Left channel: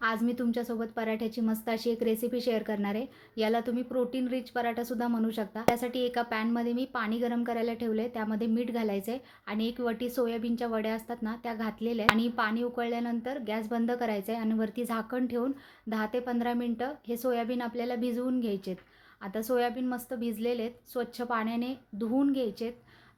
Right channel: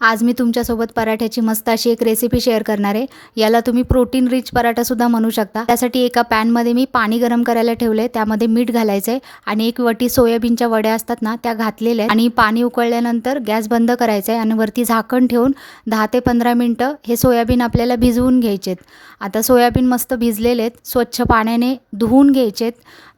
आज मी तुमच्यासोबत पराठ्याची मस्त अशी एक रेसिपी शेअर करणार आहे. याला तुम्ही प्रोटीन रिच पराठासुद्धा म्हणू शकता. त्यासाठी एका पॅनमध्ये मी पाणी गरम करायला ठेवले त्यामध्ये मीठ घालायचं आहे आणि एक वटी सोयाबीनच्या वड्या असतात ना त्या घातलेल्या आहेत. आणि पाणी उकळल्यानंतर गॅस बंद करायचा आहे आणि वरती झाकण ठेवून दहा ते पंधरा मिनटं हे सोयाबीन आपल्याला भिजवून घ्यायचेत. आता सोयाबीन मस्त भिजलेले आहेत. स्वच्छ पाण्याने धुवून घ्यायचेत.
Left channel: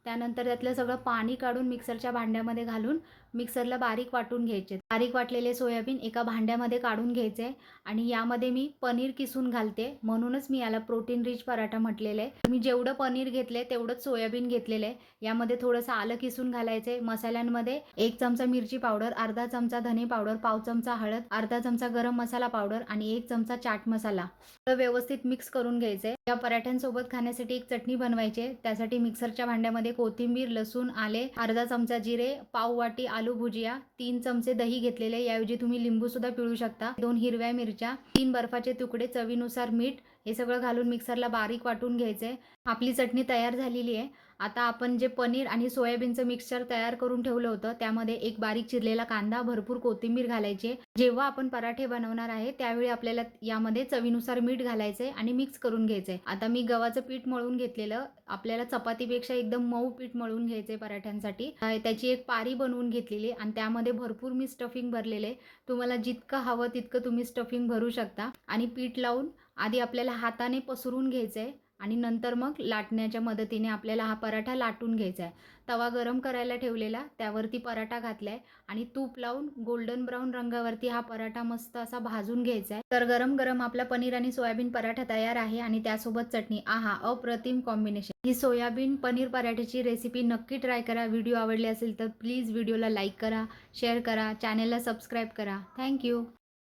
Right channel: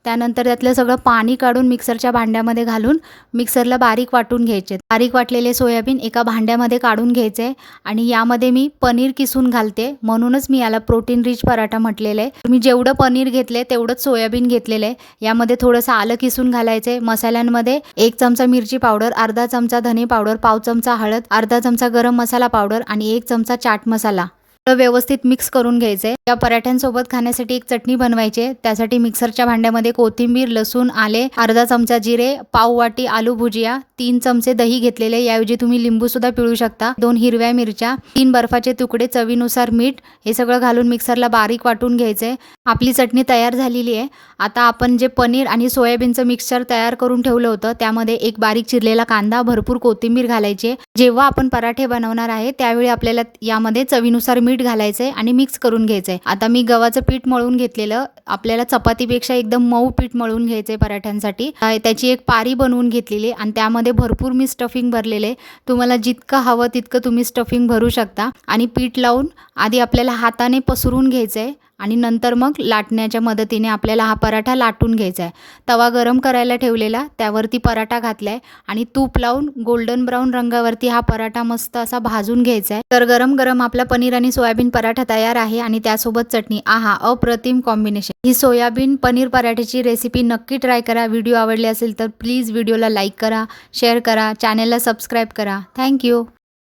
त्यानंतर त्यातलं सगळं पाणी काढून मिक्सरच्या भांड्यामध्ये घालून मिक्सरला बारीक वाटून घ्यायचे. बारीक वाटलेले सोयाबीन एका भांड्यामध्ये काढून घ्यायचे आणि यामध्ये मी पनीर किसून घालते. म्हणूनच मी याला प्रोटीन रिच पराठा म्हटलेलं आहे. मी जेवढं पनीर घेतले तेवढंच सोयाबीन घेतलेलं आहे. यामध्ये थोडंसं आलं किसून घालायचे. मसाल्यांमध्ये एक चमचा मिरची पावडर अर्धा चमचा धने पावडर पाव चमचा हळद अर्धा चमचा गरम मसाला पावडर आणि एक चमचा चाट मसाला. व्यवस्थित मिक्स करून घ्यायचंय या पराठ्यांसोबत खाण्यासाठी एक चटणी बनवायची त्यासाठी मिक्सरच्या भांड्यामध्ये कोथिंबीर लसूण आले अर्धा चमचा जिरे पाव वाटी आलू भुजिया तीन चमचे दही घेतलेले याऐवजी तुम्ही लिंबू सुद्धा पिळू शकता. दोन हिरव्या मिरच्या तीन बर्फाचे तुकडे चवीनुसार मीठ हे सगळं घालून मिक्सरला बारीक वाटून घ्यायचंय आपली चटणी तयार झालेली आहे. आता आपण जे पनीर आणि सोयाबीनचं मिक्सचर तयार करून ठेवलं होतं त्यामध्ये एक बारीक चिरलेला कांदा भरपूर कोथिंबीर घालायची आहे. जेव्हा आपण पराठे बनवणार आहे त्यावेळी आपल्याला यामध्ये चवीनुसार मीठ घालायचं आहे आणि मिक्स करून घ्यायचं आहे. आता मी गव्हाचं पीठ मळून घेतलेलं आपल्याला चपातीपेक्षा एकदम मऊ पीठ मळून घ्यायचं आहे पराठ्यांसाठी. त्याची एक पारी बनवून घेतलेली आणि त्यामध्ये भरपूर मी स्टफिंग भरलेले तुम्हाला जितकं हवं तितकं तुम्ही स्टफिंग भरू शकता. आणि पीठ लावून आधी आपल्याला हाताने पसरून घ्यायचं आहे. आणि नंतर मग लाटण्याच्या मदतीने आपल्याला हा पराठा लाटून घ्यायचा आहे. तवा गरम करायला ठेवलेला त्यावरती पराठा घातलाय आणि तूप लावून गोल्डन ब्राऊन रंगावरती हा पराठा मस्त असा भाजून घ्यायचा आहे. तर गरम गरम आपला पनीर आणि सोयाबीन पराठा तयार आहे आणि त्यासोबत चटणी. आहा अप्रतिम कॉम्बिनेशन. ही सोयाबीन पनीर पराठ्याची रेसिपी नक्की ट्राय करा. व्हिडिओ आवडले असेल तर प्लीज व्हिडिओला लाईक करा शेअर करा चॅनेलला सबस्क्राईब करा. थँक्यू